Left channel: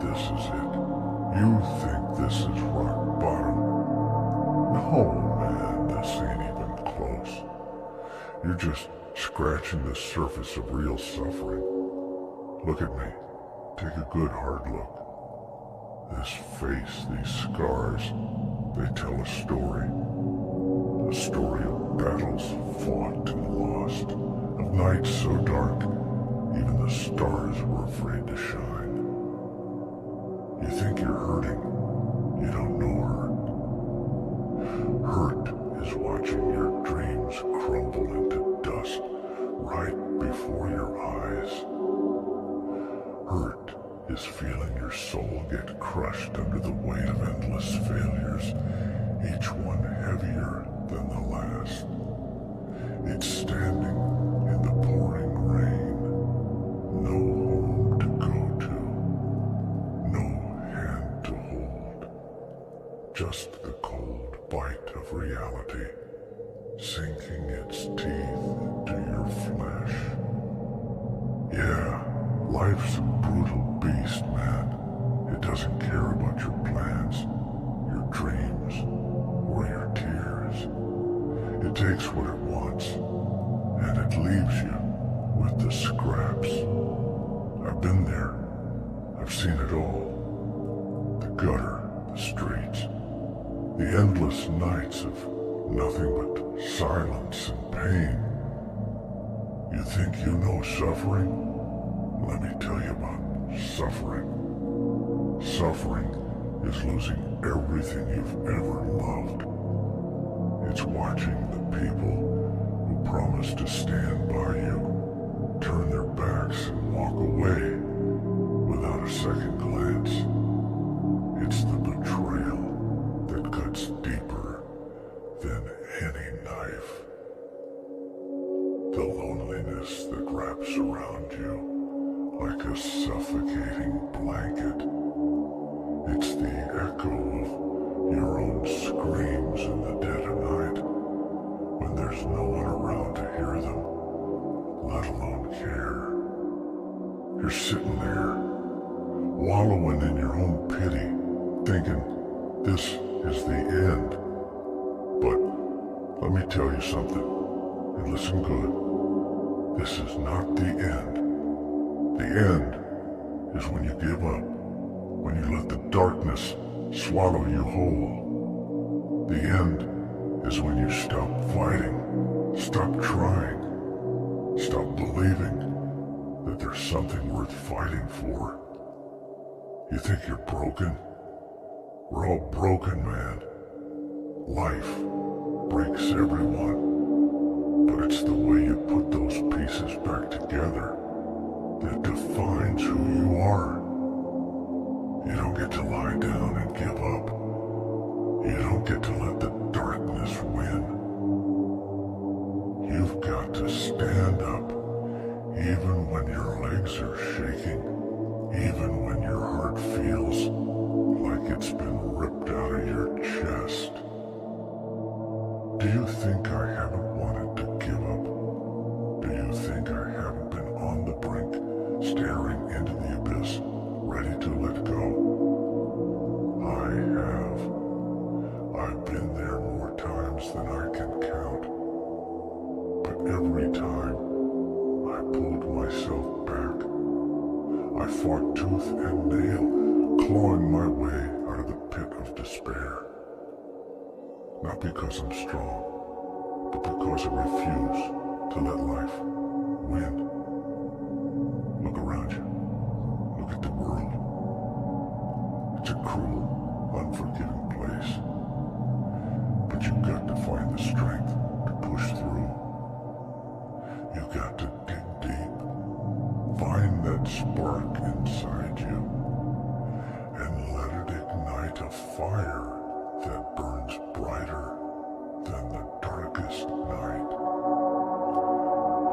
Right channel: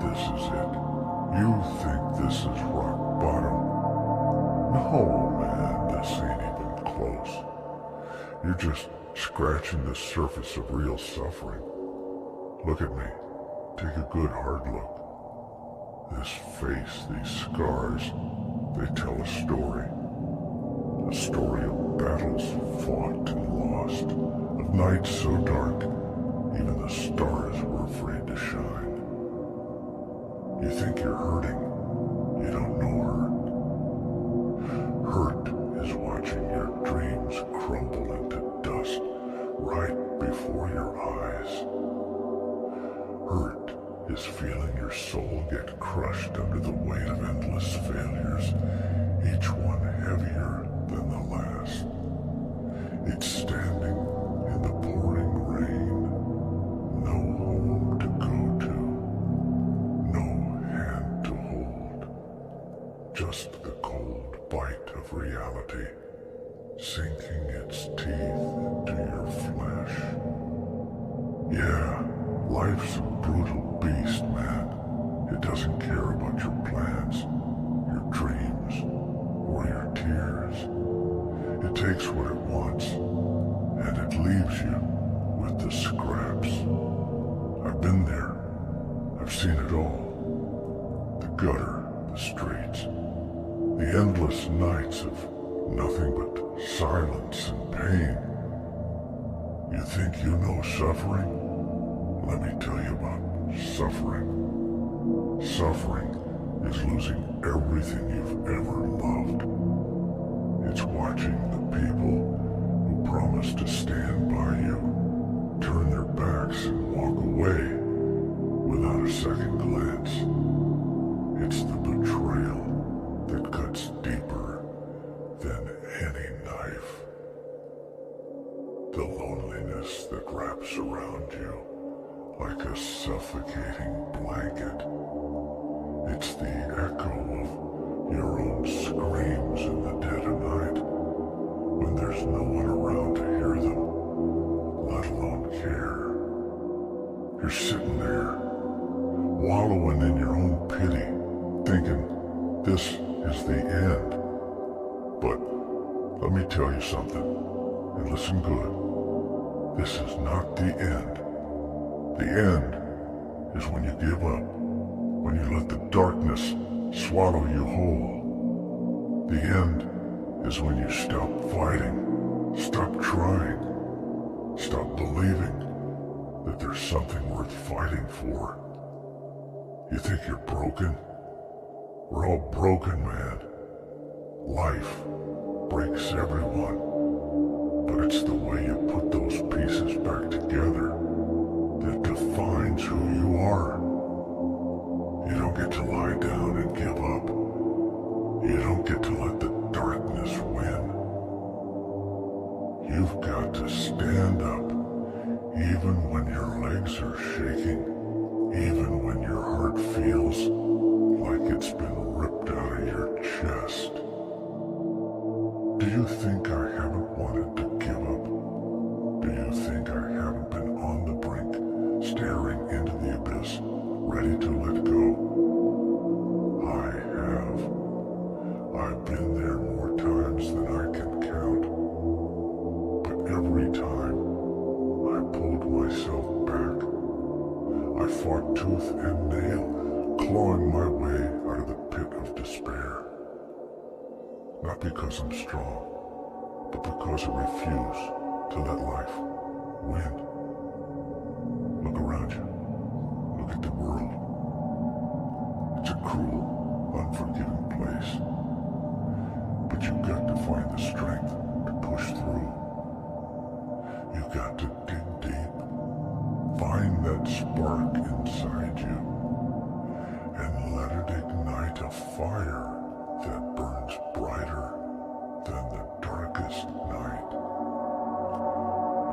this is it. You think this is rock bottom. No, man, this ain't even close. You're just scratching the surface of real suffering. Look at me. Take a good hard look. This face, these scars, they tell a story. A story of battles fought and lost, of nights so dark, even the stars were afraid to shine. You think you're hurting. You don't know hurt. Hurt is watching your dreams crumble into dust right before your eyes. Hurt is feeling your soul get crushed under the weight of endless failures, each one heavier than the last. It's standing in the pouring rain, no home to go to, no hand to hold, just the cold bite of reality sinking its teeth into your flesh. Yeah, life's a brutal beast, man. It doesn't care about your plans, your dreams, or your tears. It takes what it wants, and it leaves you with the scraps. I've been there. I've seen it all. The gutter, the streets, the endless nights of nothing but silence and pain. You think you know suffering? Let me tell you about suffering. Suffering is losing everything you've ever loved. It's watching the people who promise to stand by you turn their backs and walk away without a second glance. It's the betrayal that cuts deeper than any knife. The loneliness that wraps around you like a suffocating blanket. It's the echo of your own screams in the dead of night, when there's no one around to hear them, let alone care. You're sitting there, wallowing in your own pity, thinking this is the end. But let me tell you something, and listen good. This is not the end. The end is when you give up, when you let the darkness swallow you whole. The end is when you stop fighting, stop trying, stop believing that there's something worth fighting for. You think you're broken? We're all broken, man. Life breaks everyone, but it's the way you put those pieces back together that defines who you are. You don't get to lie down and give up. You don't get to let the darkness win. You've got to stand up, even when your legs are shaking, even when your heart feels like it's been ripped out of your chest. Do you think I haven't wanted to give up? Do you think I haven't been on the brink, staring into the abyss, ready to let go? I have. I've been there more times than I can count. But every time, I pulled myself back. I fought tooth and nail, clawing my way out of the pit of despair. Not because I'm strong, but because I refuse to let life win. Look around you. Look at the world. It's a cruel, unforgiving place. But you've got to find the strength to push through. You've got to dig deep. Find that spark inside you and let it ignite a fire that burns brighter than the darkest night.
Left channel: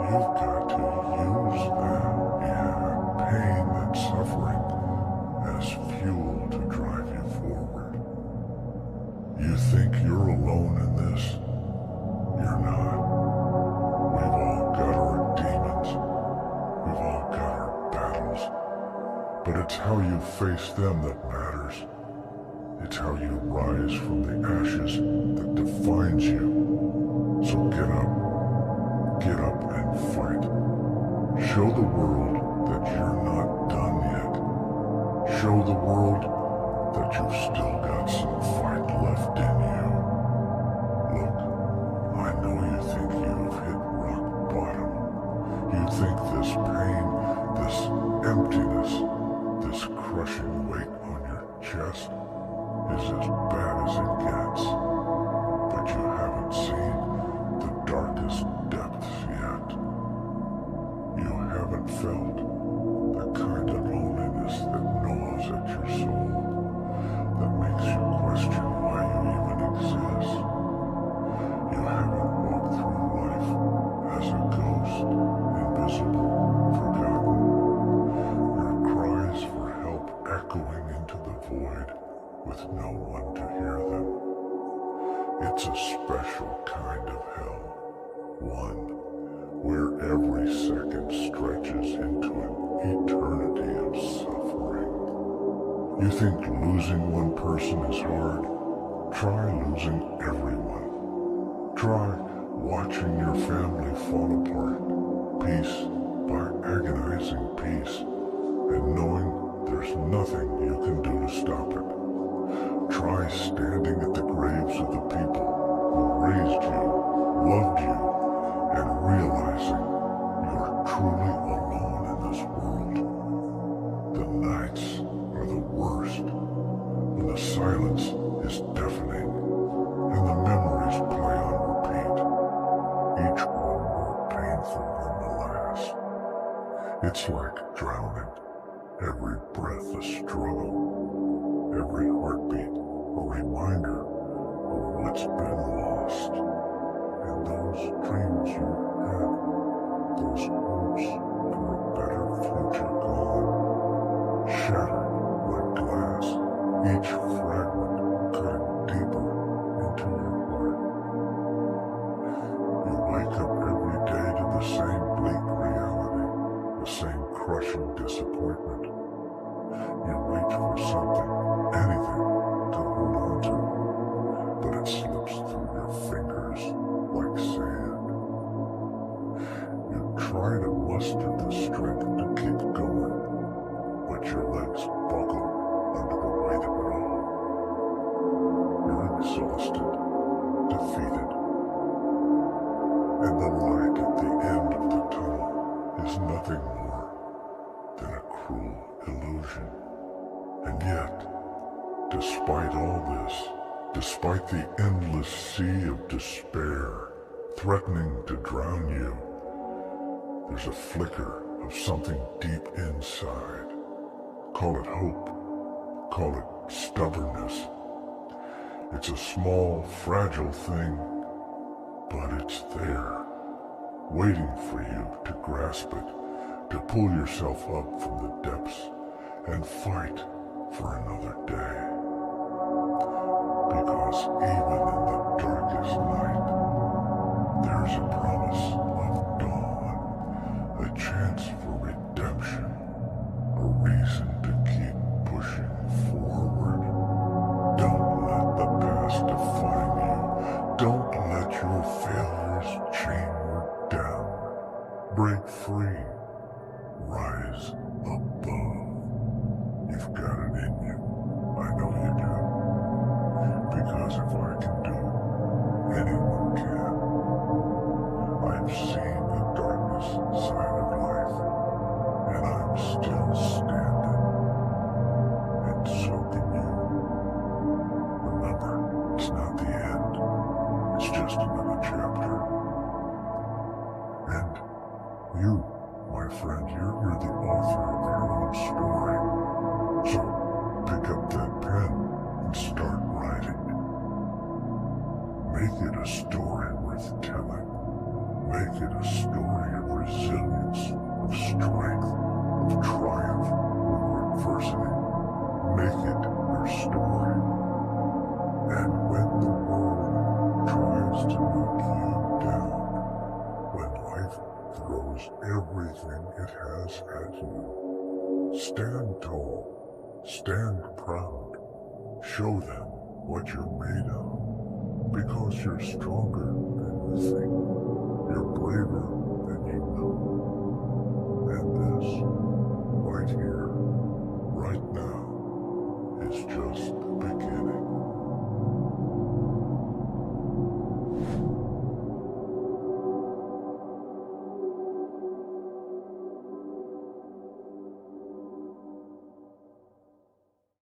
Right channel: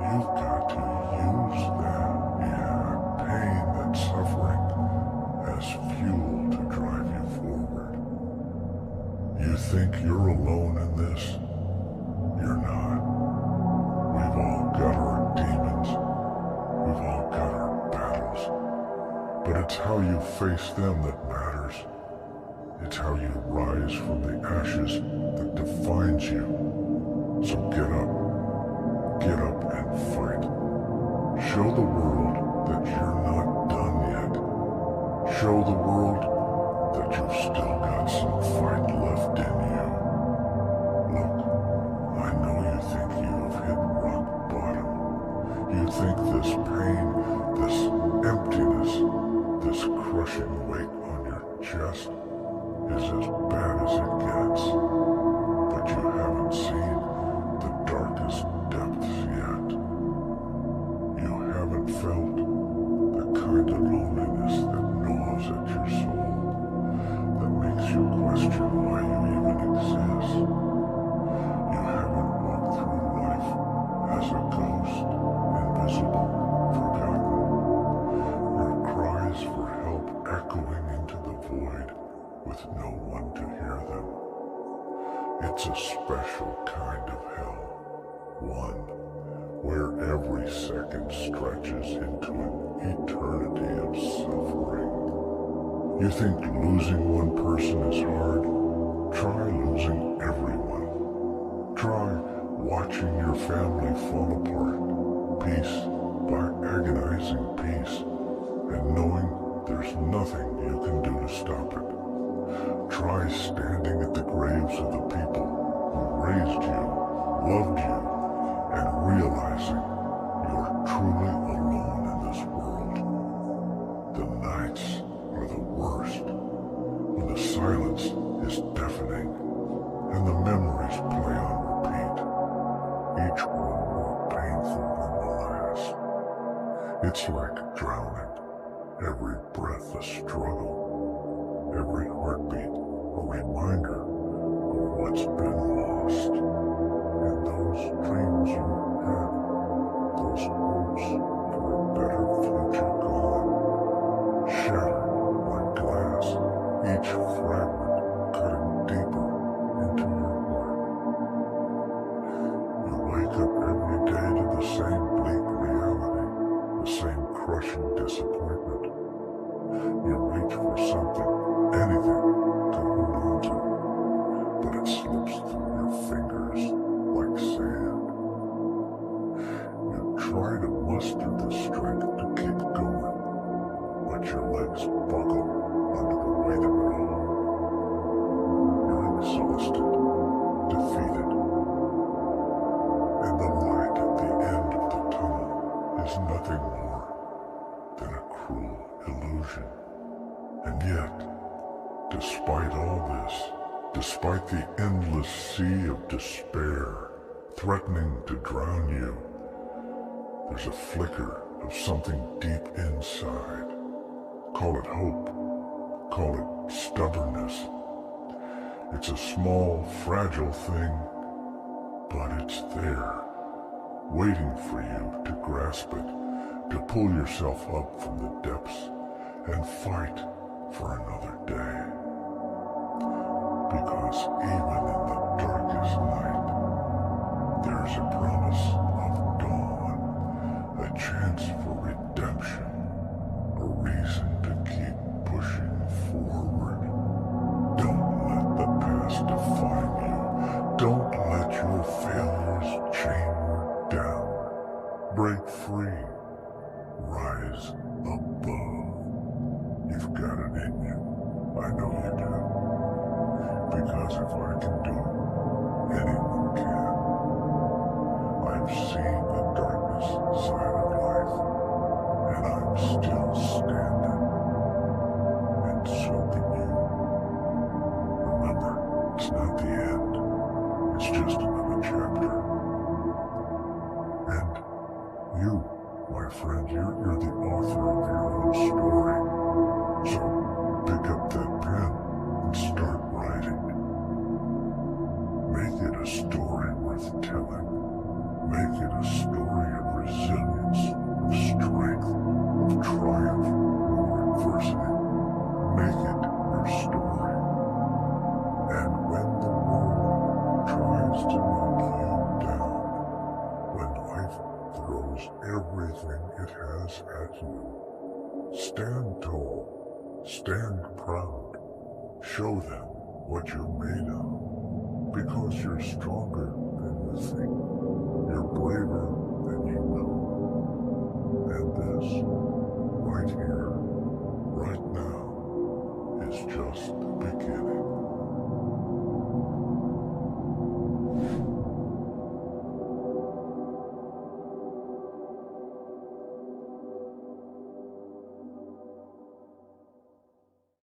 You've got to use that, pain, that suffering, as fuel to drive you forward. You think you're alone in this? You're not. We've all got our demons. We've all got our battles. But it's how you face them that matters. It's how you rise from the ashes that defines you. So get up and fight. Show the world that you're not done yet. Show the world that you've still got some fight left in you. Look, I know you think you've hit rock bottom. You think this pain, this emptiness, this crushing weight on your chest is as bad as it gets. But you haven't seen the darkest depths yet. You haven't felt the kind of loneliness that gnaws at your soul, that makes you question why you even exist. You haven't walked through life as a ghost, invisible, forgotten. Your cries for help echoing into the void with no one to hear them. It's a special kind of hell, one where every second stretches into an eternity of suffering. You think losing one person is hard? Try losing everyone. Try watching your family fall apart, piece by agonizing piece, and knowing there's nothing you can do to stop it. Try standing at the graves of the people who raised you, loved you, and realizing you're truly alone in this world. The nights are the worst, when the silence is deafening, and the memories play on repeat, each one more painful than the last. It's like drowning, every breath a struggle, every heartbeat a reminder of what's been lost. And those dreams you had, those hopes for a better future gone, shattered like glass, each fragment cutting deeper into your heart. You wake up every day to the same bleak reality, the same crushing disappointment. You reach for something, anything, to hold on to, but it slips through your fingers like sand. You try to muster the strength to keep going, but your legs buckle under the weight of it all. You're exhausted, defeated, and the light at the end of the tunnel is nothing more than a cruel illusion. And yet, despite all this, despite the endless sea of despair threatening to drown you, there's a flicker of something deep inside. Call it hope, call it stubbornness. It's a small, fragile thing, but it's there, waiting for you to grasp it, to pull yourself up from the depths and fight for another day. Because even in the darkest night, there's a promise of dawn, a chance for redemption, a reason to keep pushing forward. Don't let the past define you. Don't let your failures chain you down. Break free. Rise above. You've got it in you. I know you do. Because if I can do it, anyone can. I've seen the darkest side of life, and I'm still standing. And so can you. Remember, it's not the end. It's just another chapter. And you, my friend, you're the author of your own story. So pick up that pen and start writing. Make it a story worth telling. Make it a story of resilience, of strength, of triumph over adversity. Make it your story. And when the world tries to knock you down, when life throws everything it has at you, Stand tall. Stand proud. Show them what you're made of. Because you're stronger than you think. You're braver than you know. And this, right here, right now, is just the beginning.